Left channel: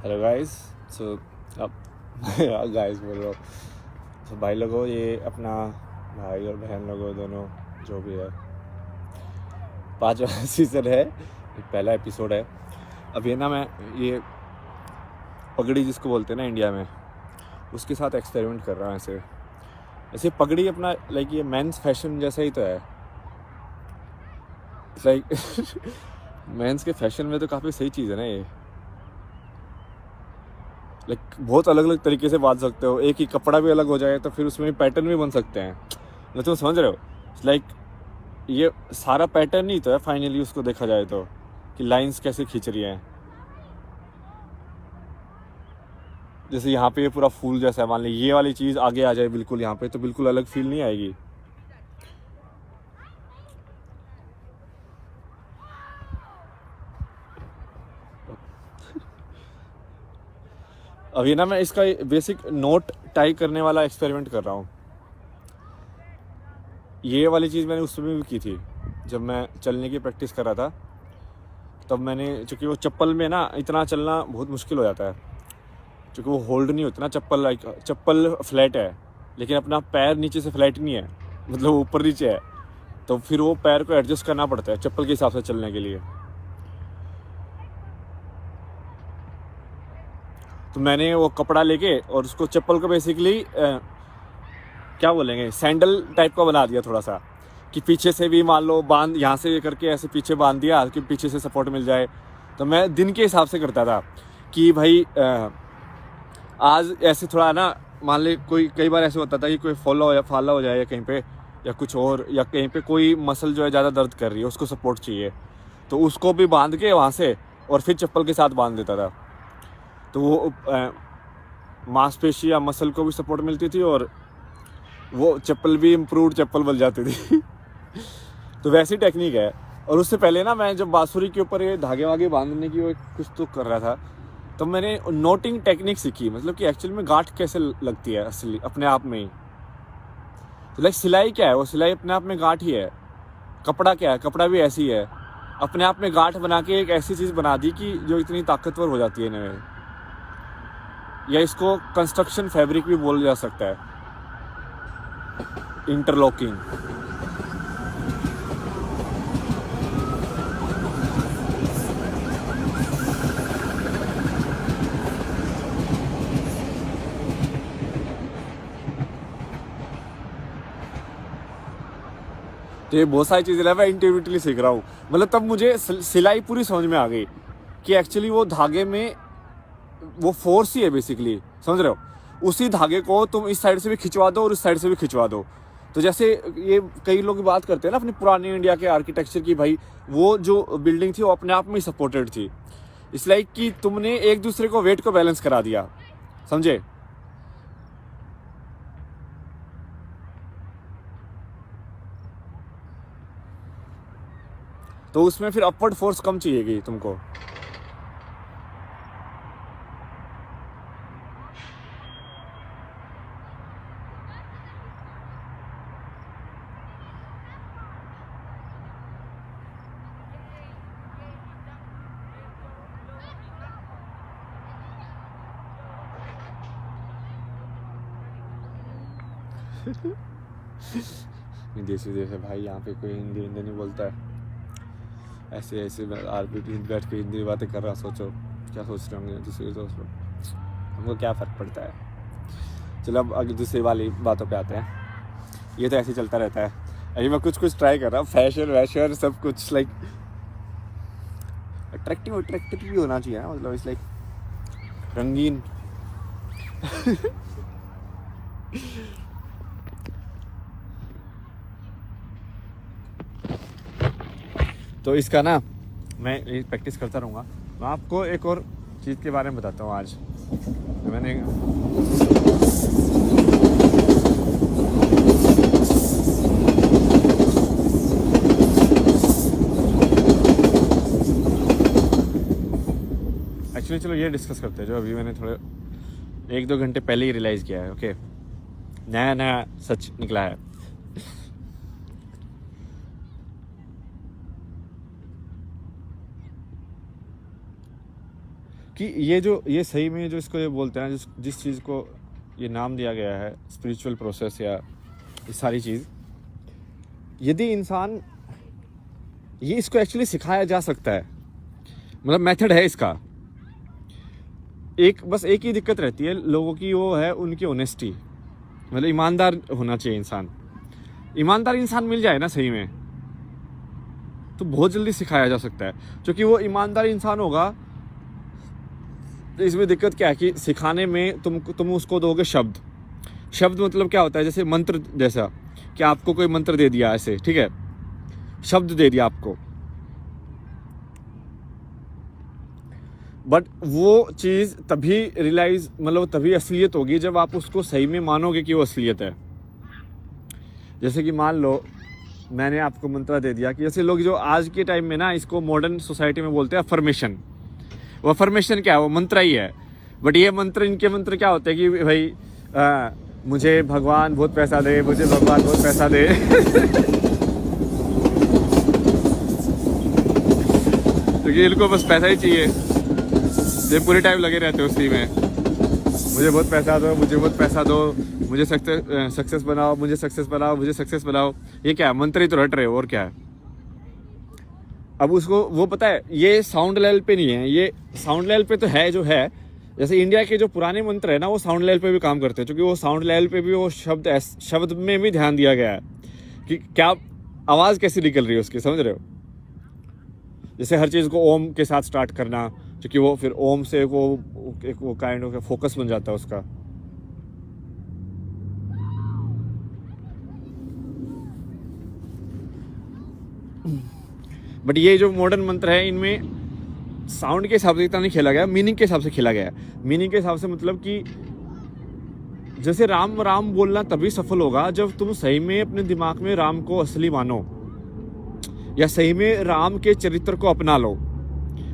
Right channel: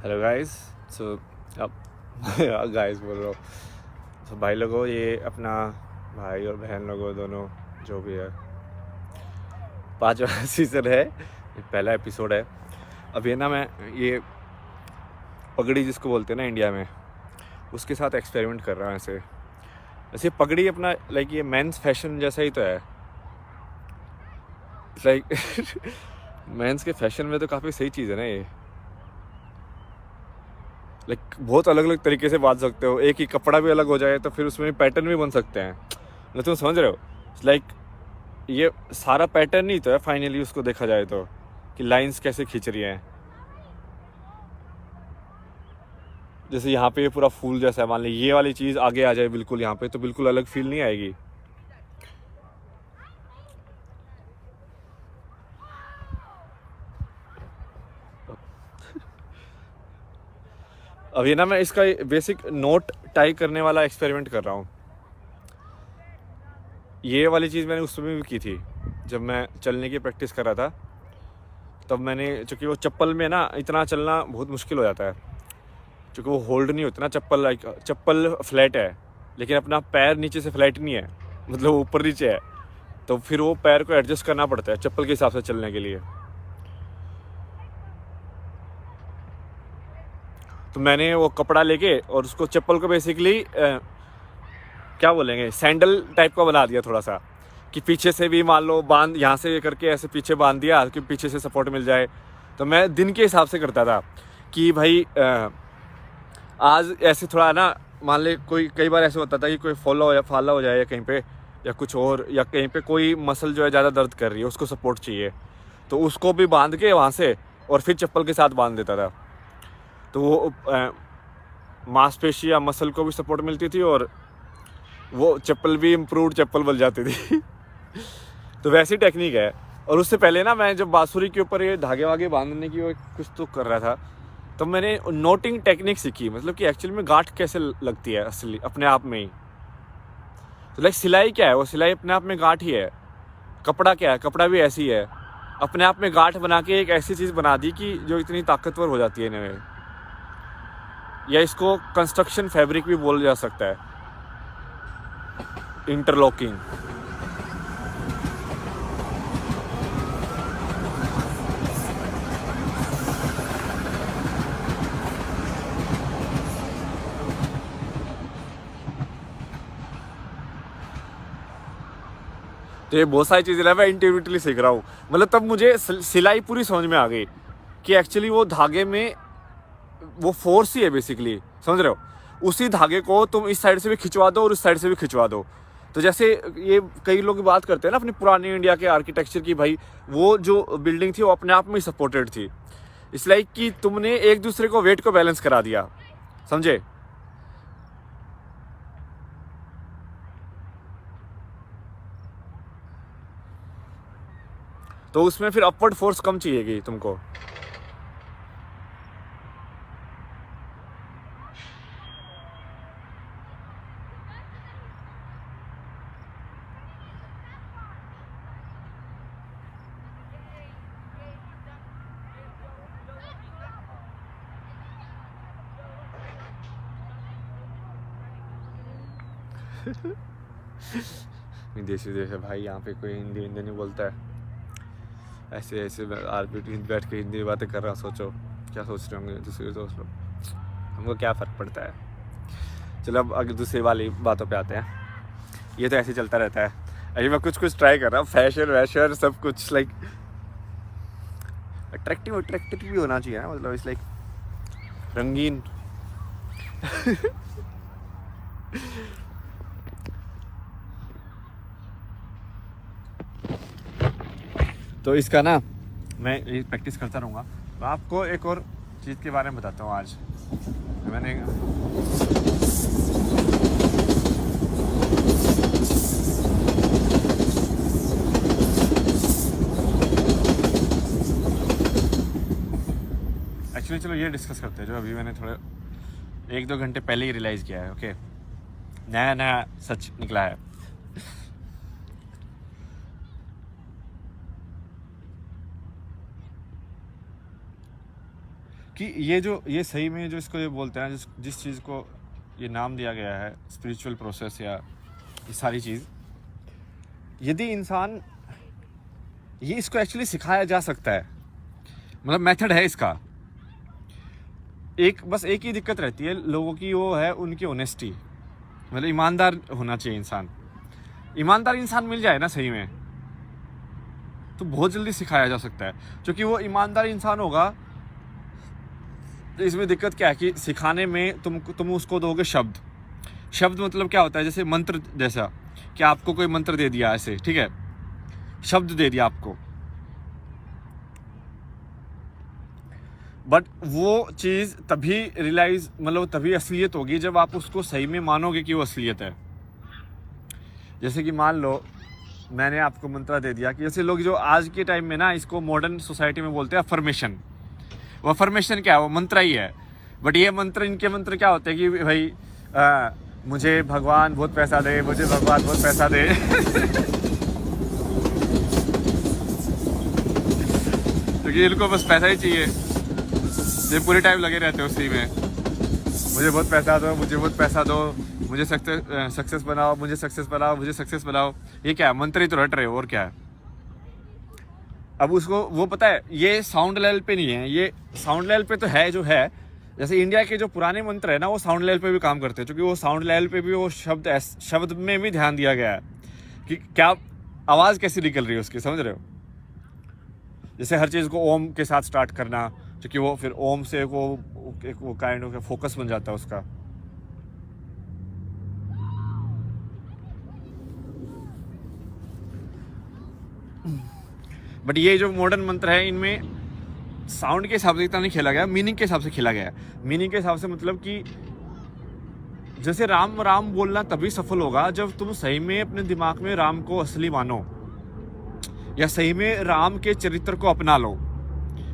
Hello guys. सो अब guys बोल रहा हूँ। तो भाई लोगों, ये अपना भाई और बहन लोगों दोनों जो भी है 5वां सीज़न है, ये पहला एपिसोड है। अब ये ना मैं ये पगड़ी जिसको बोलते हैं ना इंडिया में, उसके साथ एक्सपेरिमेंट कर रहा हूँ। ऐसे ऐसे पगड़ी अपना लाइक ये मेंस फैशन जैसा ही तो है लाइक मेंस के फैशन में तो काफ़ी सही चीज़ है ना ये। लाइक बहुत अलग अलग तरीके से बांध सकते हो, एक ही कपड़ा भी अलग हो जाए तो फिर उसमें पैटर्न भी बन सकते हैं। मैं तुम समझ रहे हो? लाइक ये सारा पैटर्न ही तो है फाइनली, उसको देखा जाए तो कि लाइंस कैसे खींच रही हैं। जैसे यहाँ पे ये पूरा फूल जैसा है, मान ली ये वाली चीज़ आगे आ जाए बिल्कुल यहाँ पे, तो बिल्कुल अलग फील नहीं आएगी। अभी ना मैं इसका बेसिक नोट टाई करने वाला एक्सपेरिमेंट कर रहा हूँ। ये वाली चीज़ मैंने उस समय भी की थी जब मैं चलने की प्रैक्टिस कर रहा था। तब मैंने, चूँकि वो चप्पल में ना इतना चलना बहुत मुश्किल हो जाता है, क्योंकि वो होल्ड नहीं होती ना चप्पल। लाइक चप्पल फ्लैट है लेकिन अपना पैर नीचे से फ्लैट नहीं है, मतलब ऊपर नीचे है। तो फिर वो पैर को एडजस्ट करना पड़ता है चप्पल के हिसाब से चलने के लिए। तो मैंने वो कपड़ा लेके और उसको चप्पल को बेसिकली क्या बोलेंगे, सैंडल टाइप का बना दिया थोड़ा सा, कि पीछे से भी मान लो बांध, यहाँ से ये करके ऐसे पीछे बांध दिया कि पीछे से सपोर्ट मिल जाए। तो मैं दिन के हिसाब से करता था कि भाई आज ऐसे थोड़ा ना, मान ले कोई कई बार ऐसे होता था कि कोई फाला हो जाए या कहीं पे, या कुछ और, या कहीं पे कोई मसल जो है ज़्यादा दर्द कर रही है, उसको सपोर्ट चाहिए, तो उसको भी बांध के वहाँ से और फिर चप्पल के साथ बांध देता था। तो वो मांसपेशी या मसल को भी सपोर्ट मिलती थी और वो चप्पल भी इम्प्रूव्ड चप्पल बन जाती थी। तो वैसी टेक्निक है। और उससे पहले ना मैं जब बांसुरी के ऊपर ये धागे वागे बांधने की वो कुछ तो कर रहा था, तो मैंने नोटिंग टेक्निक सीखी, मतलब कि एक्चुअली में गांठ कैसे लगती है असली अपने आप में ही। तो लाइक सिलाई क्या है, वो सिलाई अपने आप में गांठ ही है। कपड़ा क्या है, कपड़ा भी ऐसी है, अपने आप में गांठ बना के एक ऐसी चीज़ बना दी कि जो इतनी ताकतवर हो जाती है इन्हें। या इसको कंस्ट्रक्शन फैब्रिक भी बोला जा सकता है, इंटरलॉकिंग। तो ये बहुत सारी चीज़ें मैं इंडिविजुअली सीख रहा हूँ। मतलब तब मुझे सिलाई पूरी समझ में आ गई कि एक्चुअली वो धागे में वो फोर्स ही है बेसिकली, समझ रहे हो? उसी धागे को तुम इस साइड से भी खिंचवा दो और उस साइड से भी खिंचवा दो। तो जैसे ये कई लोग बात करते हैं ना अपनी पुरानी इंडिया के आर्किटेक्चर की, भाई वो जो बिल्डिंग थी वो अपने आप में ही सपोर्टेड थी। इट्स लाइक कि तुमने एक दूसरे को वेट को बैलेंस करा दिया, समझे? तो उसमें फिर अपवर्ड फोर्स कम चाहिएगी तुमको। देसी देश है भाई, यहाँ पे कोई हिंदी हिंदी नहीं बोलता है। ऐसे ऐसे आरपीटी बैठ के हिंदी बातें कर रहा, सोचो क्या सोच रहे होंगे दूसरे दोस्त लोग, हमको क्या फ़र्क पड़ता है। चलो अब आगे दूसरी वाली बातों पे आते हैं। ये तो ऐसे चलता रहता है। अभी मैं कुछ कुछ ट्राई कर रहा हूँ, फैशन वैशन सब कुछ, लाइक अट्रैक्टिव अट्रैक्टिव भी होना चाहिए ना, मतलब इस लाइक रंगीन। तो इसका ना मैं ये प्रैक्टिस करता रहूँगा। मैं आपको एक और चीज़ के बारे में बताता हूँ आज। मैंने एक्चुअली, चलो ये डिस्कस करते हैं जो अभी मैंने थोड़े 1-2 घंटे पहले ही रियलाइज़ किया है। ओके, नया नया सच निकला है क्योंकि ये सही में जो इसको ये बोलते हैं, जिस चीज़ को ये नाम दिया गया है स्पिरिचुअल प्रोसेस या ये सारी चीज़, यदि इंसान ये इसको एक्चुअली सिखाया जा सकता है, मतलब मेथड है इसका। बस एक ही दिक्कत रहती है लोगों की, वो है उनकी ऑनेस्टी, मतलब ईमानदार होना चाहिए इंसान। ईमानदार इंसान मिल जाए ना सही में, तो बहुत जल्दी सिखाया जा सकता है, क्योंकि वो ईमानदार इंसान होगा। तो इसमें दिक्कत क्या है कि सिखाने में तुम उसको दोगे शब्द मतलब क्या होता है, जैसे मंत्र जैसा कि आपको कोई मंत्र दे दिया ऐसे, ठीक है, शब्द दे दिया आपको, बट वो चीज़ तभी रियलाइज, मतलब तभी असलियत होगी जब आप उसको सही में मानोगे कि वो असलियत है। जैसे कि मान लो मैंने आपको मंत्र दे दिया कि जैसे लोग जो आज के टाइम में ना इसको मॉडर्न सोसाइटी में बोलते हैं अफर्मेशन। वो अफर्मेशन क्या है, वो मंत्र ही है, बट ये मंत्र, इनके मंत्र क्या होते हैं कि भाई मुझे भगवान बहुत पैसा दे, मुझे भगवान बहुत पैसा दे क्योंकि इनको बस पैसा ही चाहिए, ये पूरे टाइम लगे रहते हैं उसी में, मुझे बहुत पैसा दो, मुझे बहुत पैसा दो, मुझे सक्सेस बनाओ, मुझे सक्सेस बनाओ, मुझे सक्सेस बनाओ। ये क्या है, मंत्र ही तो रट रहे हो, और क्या है। अब उसको वो पता है ये साउंड लेवल पे नहीं है, ये साउंड लेवल पे तो है जो है। जैसे इंडिया के जो पुराने मंत्र है ना, वो साउंड लेवल पे भी काम करते हैं, क्योंकि वो साउंड लेवल पे भी वो शब्द में भी ध्यान दिया गया है कि क्या आवाज़ कैसी निकल रही है उसकी, समझ रहे हो। जैसे हर चीज़ को ओम के साथ स्टार्ट करना, क्योंकि वो फिर ओम से वो काइंड ऑफ फोकस बन जाता है उसका। बट ये जो मॉडर्न मंत्र है, इनमें साउंड के हिसाब से इतना नहीं खेला गया, मीनिंग के हिसाब से खेला गया। मीनिंग के हिसाब से मतलब कि जैसे राम राम बोलना तभी सफल होगा जब तुम सही में अपने दिमाग में राम को असली मानो, या सही में राम के चरित्र को अपना लो।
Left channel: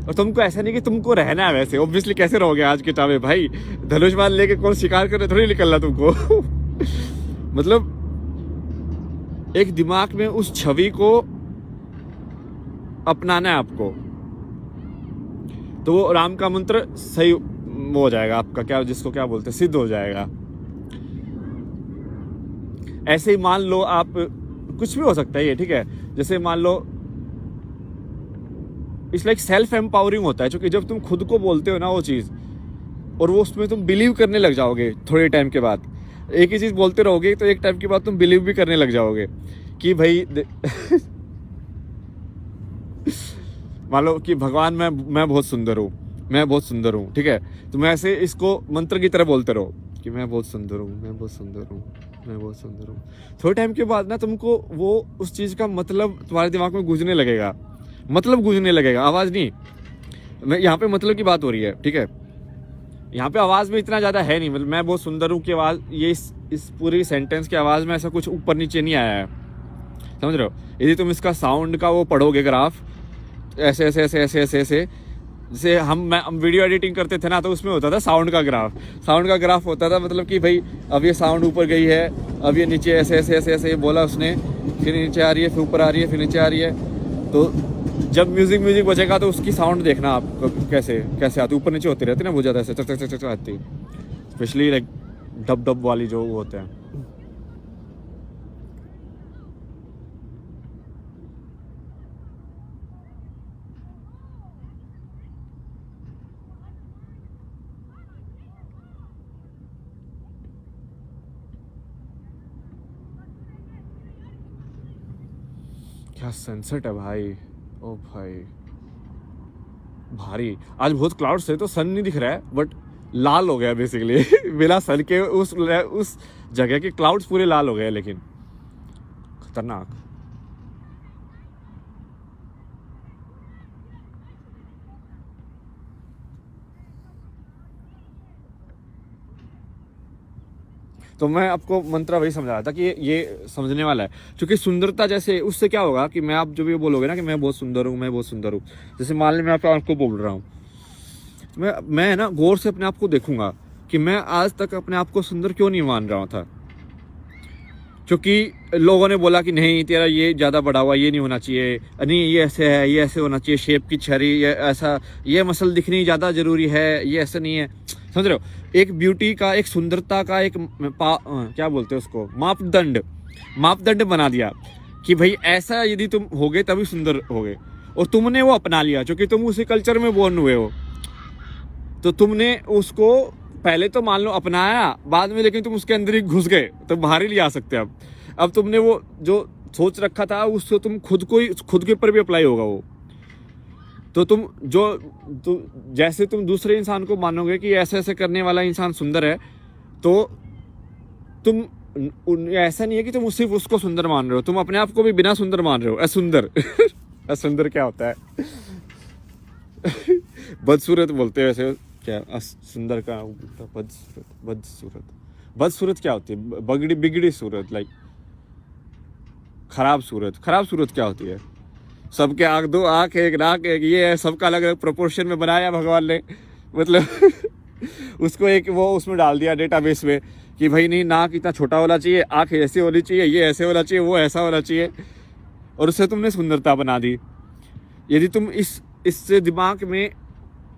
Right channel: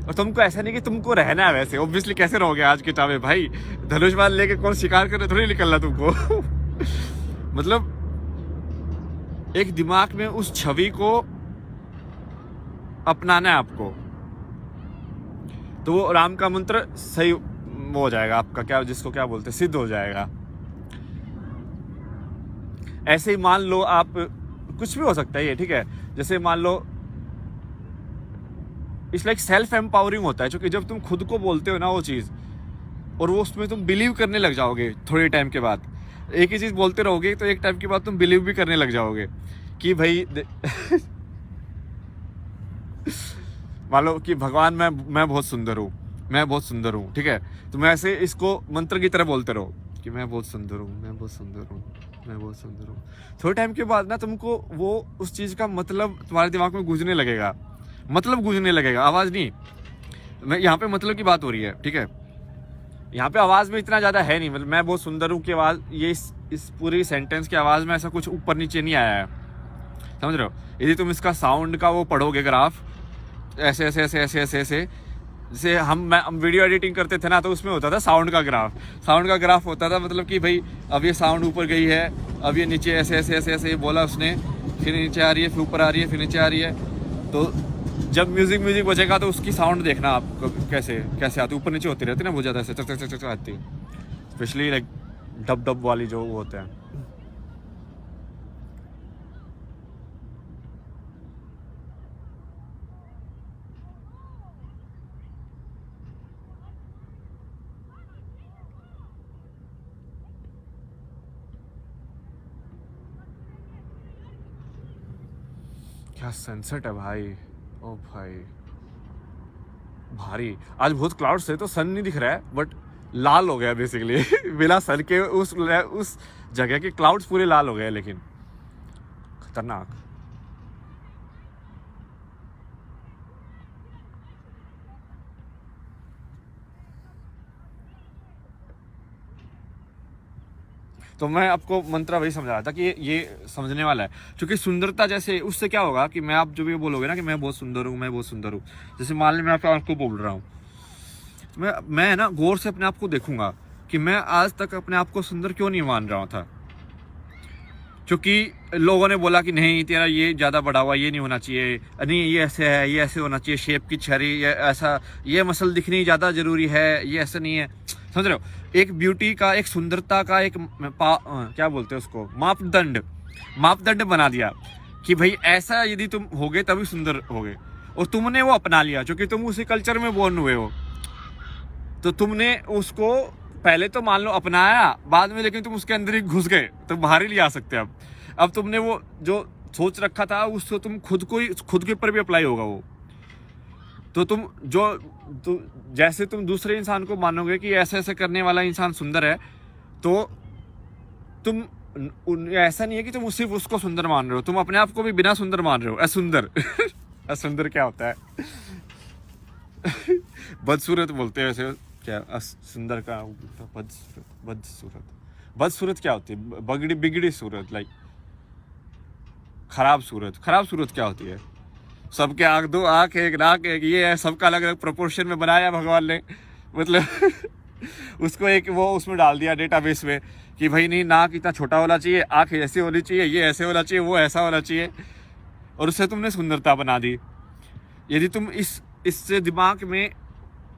और तुमको ऐसा नहीं कि तुमको रहना है वैसे, ऑब्वियसली कैसे रहोगे आज के टाइम में भाई, धनुष बाण लेके कौन शिकार करने थोड़ी निकलना तुमको मतलब एक दिमाग में उस छवि को अपनाना है आपको, तो वो राम का मंत्र सही वो हो जाएगा आपका, क्या जिसको क्या बोलते हैं, सिद्ध हो जाएगा। ऐसे ही मान लो आप, कुछ भी हो सकता है ये, ठीक है। जैसे मान लो इट्स लाइक सेल्फ एम्पावरिंग होता है, क्योंकि जब तुम खुद को बोलते हो ना वो चीज़, और वो उसमें तुम बिलीव करने लग जाओगे थोड़े टाइम के बाद। एक ही चीज़ बोलते रहोगे तो एक टाइम के बाद तुम बिलीव भी करने लग जाओगे कि भाई मान लो कि भगवान मैं बहुत सुंदर हूँ, मैं बहुत सुंदर हूँ, ठीक है। तो मैं ऐसे इसको मंत्र की तरह बोलते रहो कि मैं बहुत सुंदर हूँ, मैं बहुत सुंदर हूँ, मैं बहुत सुंदर हूँ। थोड़े टाइम के बाद ना तुमको वो उस चीज़ का मतलब तुम्हारे दिमाग में गूंजने लगेगा, मतलब गूंजने लगेगा, आवाज़ नहीं। मैं यहाँ पे मतलब की बात हो रही है, ठीक है। यहाँ पे आवाज़ में इतना ज़्यादा है नहीं, मतलब मैं बहुत सुंदर हूँ की आवाज़, ये इस पूरी सेंटेंस की आवाज़ में ऐसा कुछ ऊपर नीचे नहीं आया है, समझ रहे हो। यदि तुम इसका साउंड का वो पढ़ोगे ग्राफ, ऐसे ऐसे ऐसे ऐसे ऐसे ऐसे, जैसे हम वीडियो एडिटिंग करते थे ना, तो उसमें होता था साउंड का ग्राफ होता था, मतलब कि भाई अब ये साउंड ऊपर गई है, अब ये नीचे ऐसे ऐसे ऐसे ऐसे बोला उसने, फिर नीचे आ रही है, फिर ऊपर आ रही है, फिर नीचे आ रही है। तो जब म्यूजिक बजेगा तो उसकी साउंड देखना आप कैसे कैसे आती, ऊपर नीचे होती रहती ना, बहुत ज़्यादा ऐसे चक चक चक आती, स्पेशली लाइक डब वाली जो वो होते हैं। क्या सनसेट है भाई, ओ भाई भारी। आज बहुत क्लाउड्स है तो सन नहीं दिख रहा है, बट लाल हो गया बेसिकली बिना सन के उस जगह के क्लाउड्स पूरे लाल हो गए, लेकिन खतरनाक। तो मैं आपको मंत्र वही समझा रहा था कि ये समझने वाला है, क्योंकि सुंदरता जैसे उससे क्या होगा कि मैं आप जो भी बोलोगे ना कि मैं बहुत सुंदर हूँ, मैं बहुत सुंदर हूँ, जैसे मान ली मैं आपको बोल रहा हूँ, मैं ना गौर से अपने आप को देखूंगा कि मैं आज तक अपने आप को सुंदर क्यों नहीं मान रहा था। क्योंकि लोगों ने बोला कि नहीं तेरा ये ज़्यादा बढ़ा हुआ, ये नहीं होना चाहिए, नहीं ये ऐसे है, ये ऐसे होना चाहिए, शेप की छरी, ये ऐसा, ये मसल दिखनी ज़्यादा ज़रूरी है, ये ऐसा नहीं है। समझ रहे हो, एक ब्यूटी का, एक सुंदरता का एक क्या बोलते हैं उसको, मापदंड बना दिया कि भाई ऐसा यदि तुम होगे तभी सुंदर होगे, और तुमने वो अपना लिया क्योंकि तुम उसी कल्चर में बोर्न हुए हो। तो तुमने उसको पहले तो मान लो अपनाया, बाद में लेकिन तुम उसके अंदर ही घुस गए, तो बाहर ही ले आ सकते हैं। अब तुमने वो जो सोच रखा था उसको तुम खुद के ऊपर भी अप्लाई होगा वो। तो जैसे तुम दूसरे इंसान को मानोगे कि ऐसे ऐसे करने वाला इंसान सुंदर है, तो तुम ऐसा नहीं है कि तुम सिर्फ उसको सुंदर मान रहे हो, तुम अपने आप को भी बिना सुंदर मान रहे हो, असुंदर। असुंदर क्या होता है? बदसूरत बोलते हैं वैसे, क्या सुंदर का बदसूरत क्या होती है? बिगड़ी सूरत, लाइक खराब सूरत क्या होती है? सबके आंख, दो आंख, एक नाक, एक ये है, सबका अलग अलग प्रोपोर्शन में बनाया भगवान ने, मतलब उसको एक वो उसमें डाल दिया डेटाबेस में कि भाई नहीं, नाक इतना छोटा होना चाहिए, आंख ऐसी होनी चाहिए, ये ऐसे होना चाहिए, वो ऐसा होना चाहिए, और उससे तुमने सुंदरता बना दी। यदि तुम इससे दिमाग में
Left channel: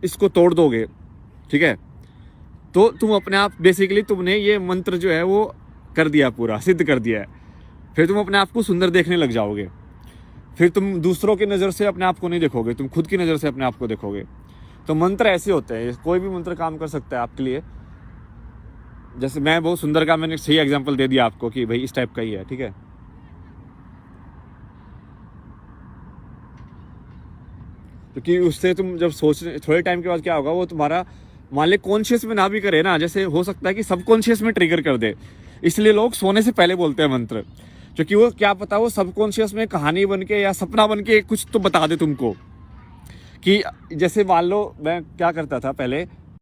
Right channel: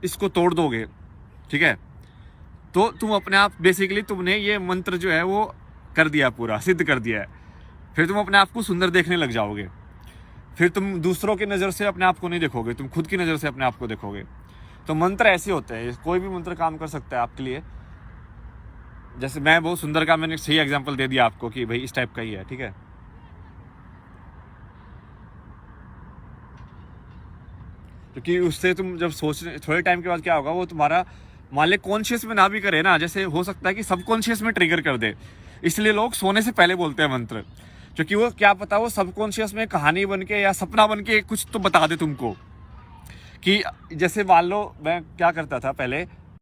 इसको तोड़ दोगे, ठीक है, तो तुम अपने आप बेसिकली तुमने ये मंत्र जो है वो कर दिया, पूरा सिद्ध कर दिया है। फिर तुम अपने आप को सुंदर देखने लग जाओगे। फिर तुम दूसरों की नज़र से अपने आप को नहीं देखोगे, तुम खुद की नज़र से अपने आप को देखोगे। तो मंत्र ऐसे होते हैं, कोई भी मंत्र काम कर सकता है आपके लिए। जैसे मैं बहुत सुंदर का मैंने सही एग्जांपल दे दिया आपको कि भाई इस टाइप का ही है, ठीक है। क्योंकि उससे तुम जब सोचने थोड़े टाइम के बाद क्या होगा, वो तुम्हारा मान ले कॉन्शियस में ना भी करे ना, जैसे हो सकता है कि सबकॉन्शियस में ट्रिगर कर दे। इसलिए लोग सोने से पहले बोलते हैं मंत्र, क्योंकि वो क्या पता वो सबकॉन्शियस में कहानी बन के या सपना बन के कुछ तो बता दे तुमको। कि जैसे मान लो मैं क्या करता था पहले,